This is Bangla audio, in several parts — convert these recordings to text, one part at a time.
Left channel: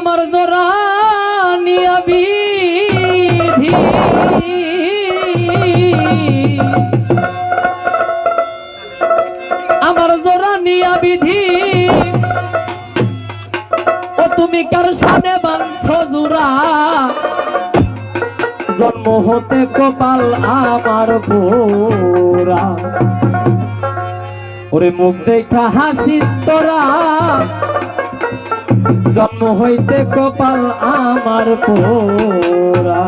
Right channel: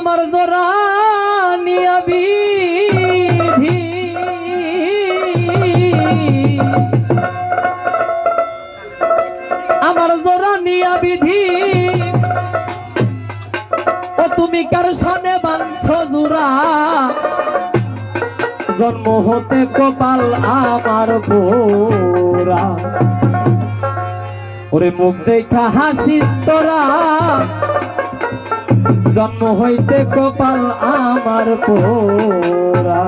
আমার জোরা নিয়া বিধি। আমার জোরা নিয়া ও তুমি কার সামনে বানছ জোরা? জন্ম হতে কপাল আমার পোরা ওরে মুখ দেখা হাসিস তোরা। জন্ম হইতে কপাল আমার পোরা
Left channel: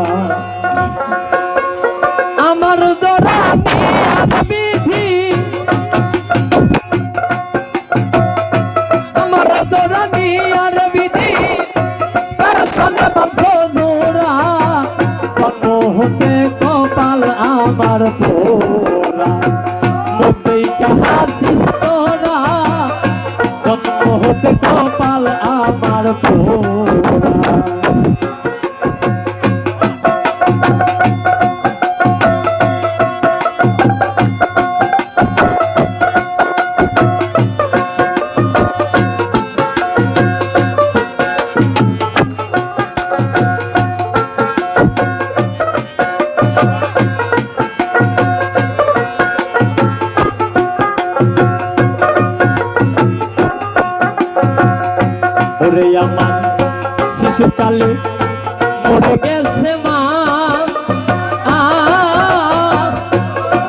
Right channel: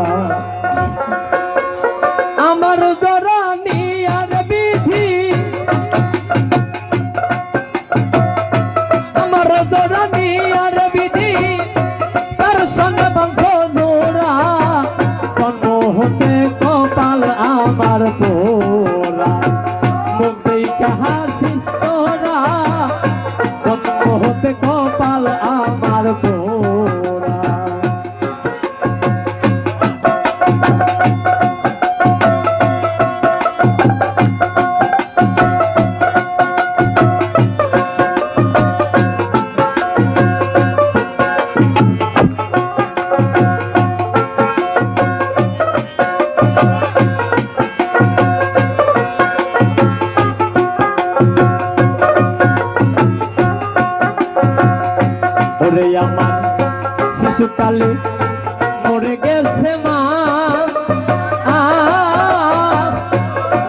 শিশুকালে মরে গেছে মা।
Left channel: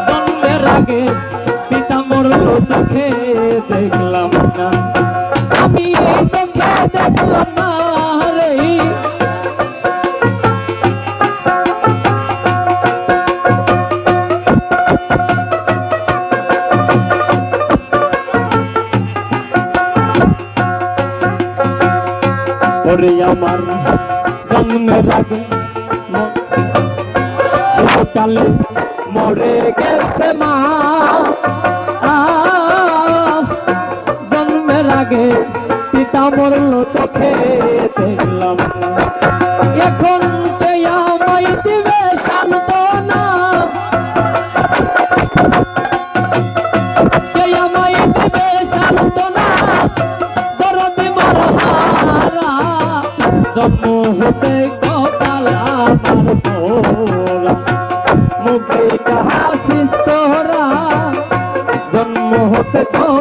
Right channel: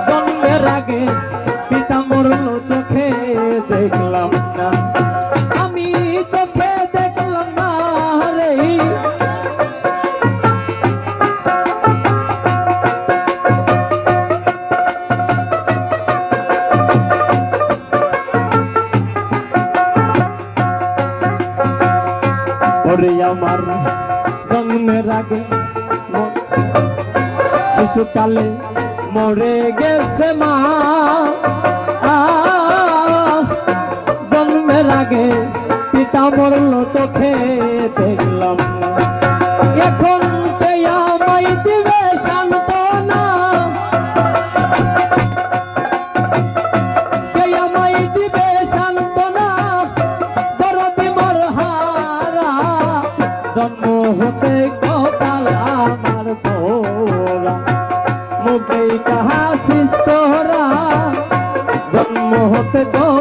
জন্মের আগে পিতা মোর চোখে দেখলাম না। ওরে আমার জন্মের আগে ম- শিশুকালে মরে গেছে মা। জন্মের আগে পিতা মরল চোখে দেখলাম এখন হতে কপাল আমার পোলা মুখে হাসিস তোরা জন্ম হতে কপাল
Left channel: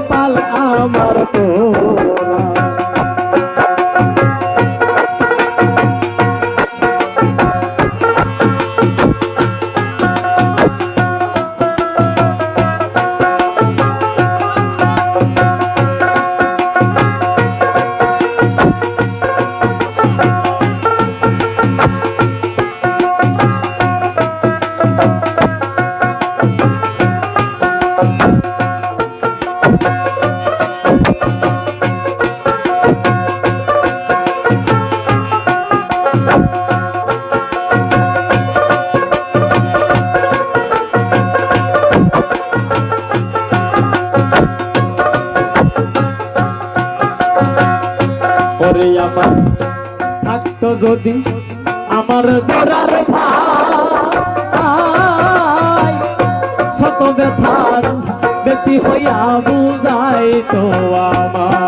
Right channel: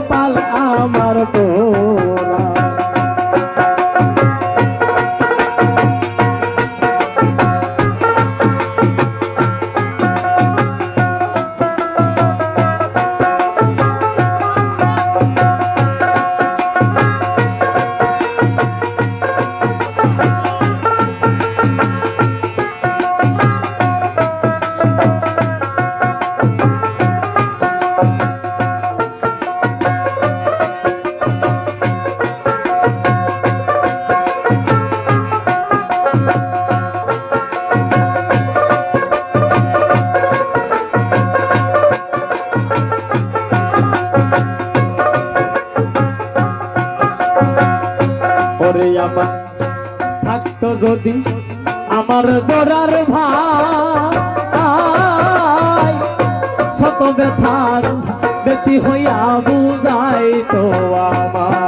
ওরে আমার থাকতো যদি আমার জোড়ার ভাই শত ব্যথার হইয়া বুঝাই তো আমার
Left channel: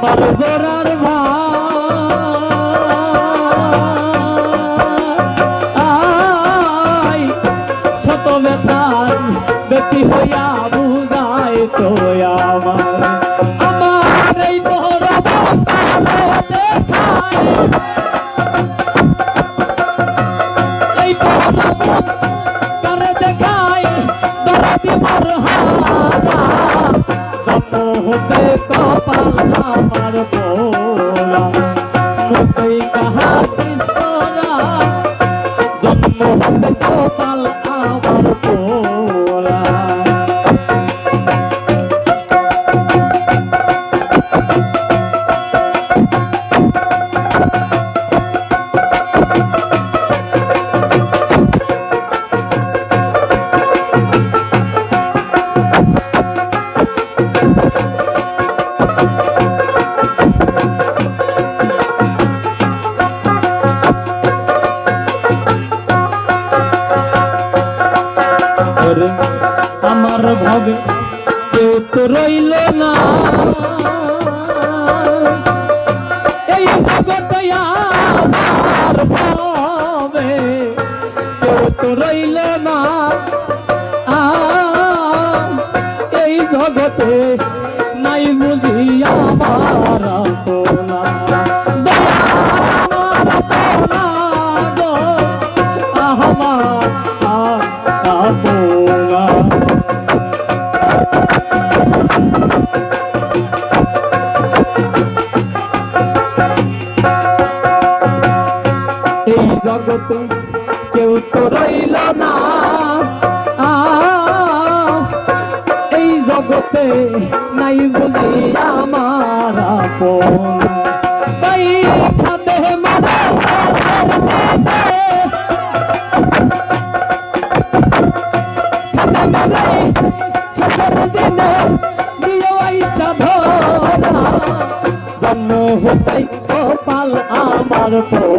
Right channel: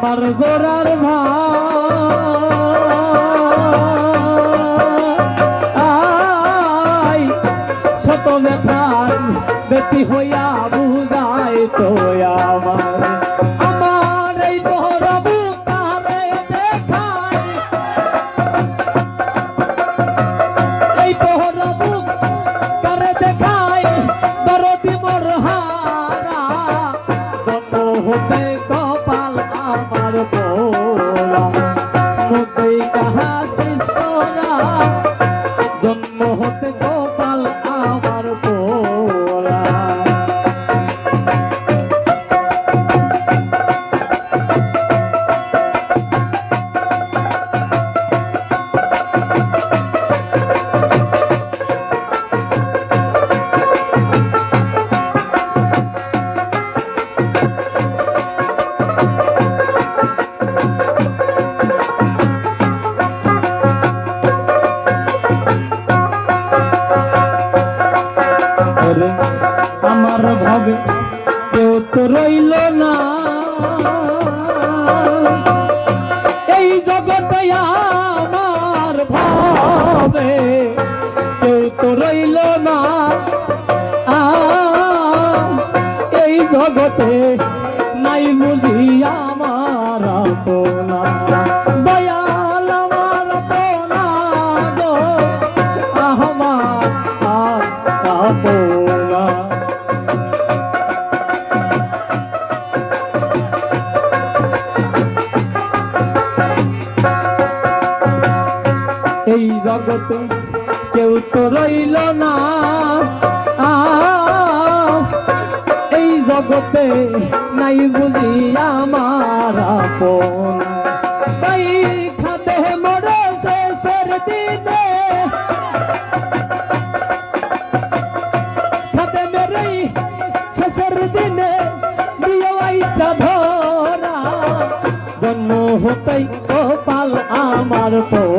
আমার জোরার ভাই। শত ব্যথার ব্যক্তি হইয়া তো রইল না। এই জগতে নাই বুঝি জগতে নাই বুঝি আমার আপন। তাই খাতে মারা আইসা ধরা। জন্ম হতাই কপাল আমার পোড়া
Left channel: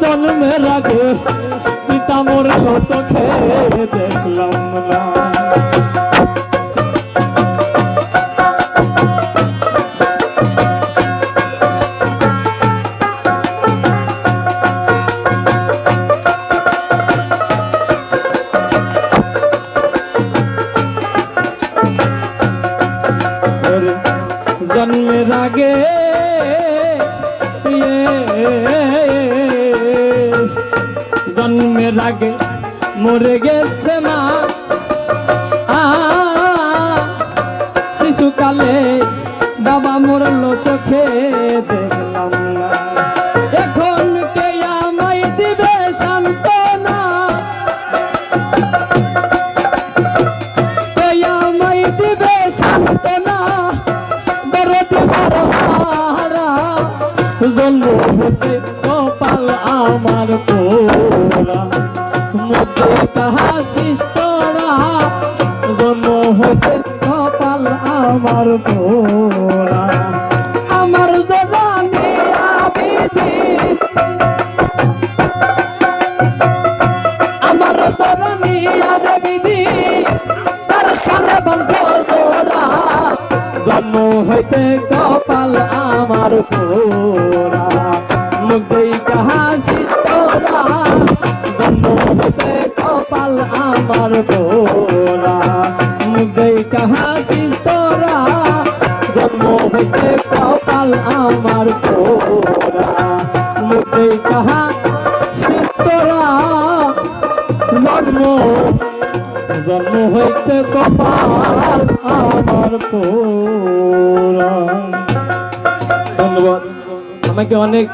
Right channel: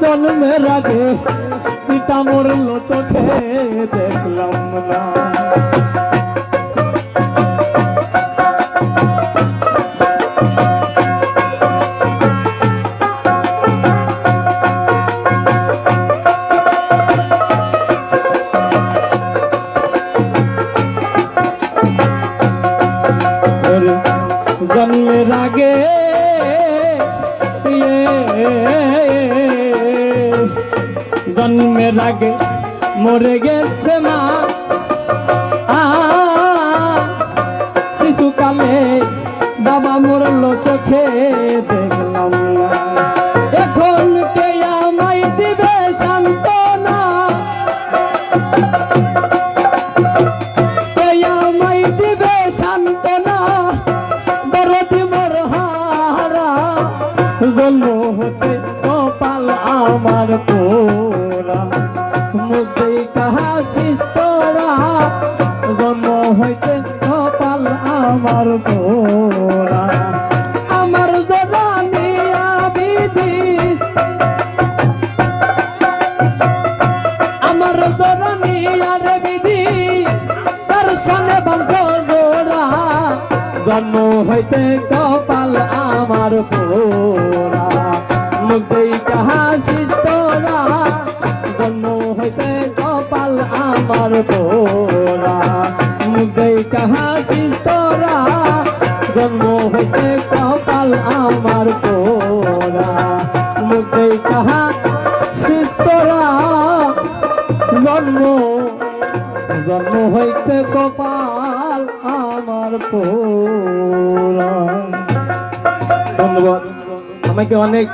জন্মের রাখে পিতা কত খেয়ে দেখলাম না। মরে শিশুকালে বাবা মরল চোখে দেখলাম এখন কে দিবে সান্ত্বনা? আমায় দিবে সান্ত্বনা? দরদ হারা। জন্ম আমার পোড়া আমার জবানি আবিদি আমার জননী আবিদি তার বংশ জোড়া। জন্ম হতে কপাল আমার পোড়া মুগ্ধই কাহাসিস তোরা জন্ম হতে কপাল আমার পোড়া মুগ্ধই কাহাসিস তোরা জন্ম হইতে ধন্যবাদ। আমাকে অনেক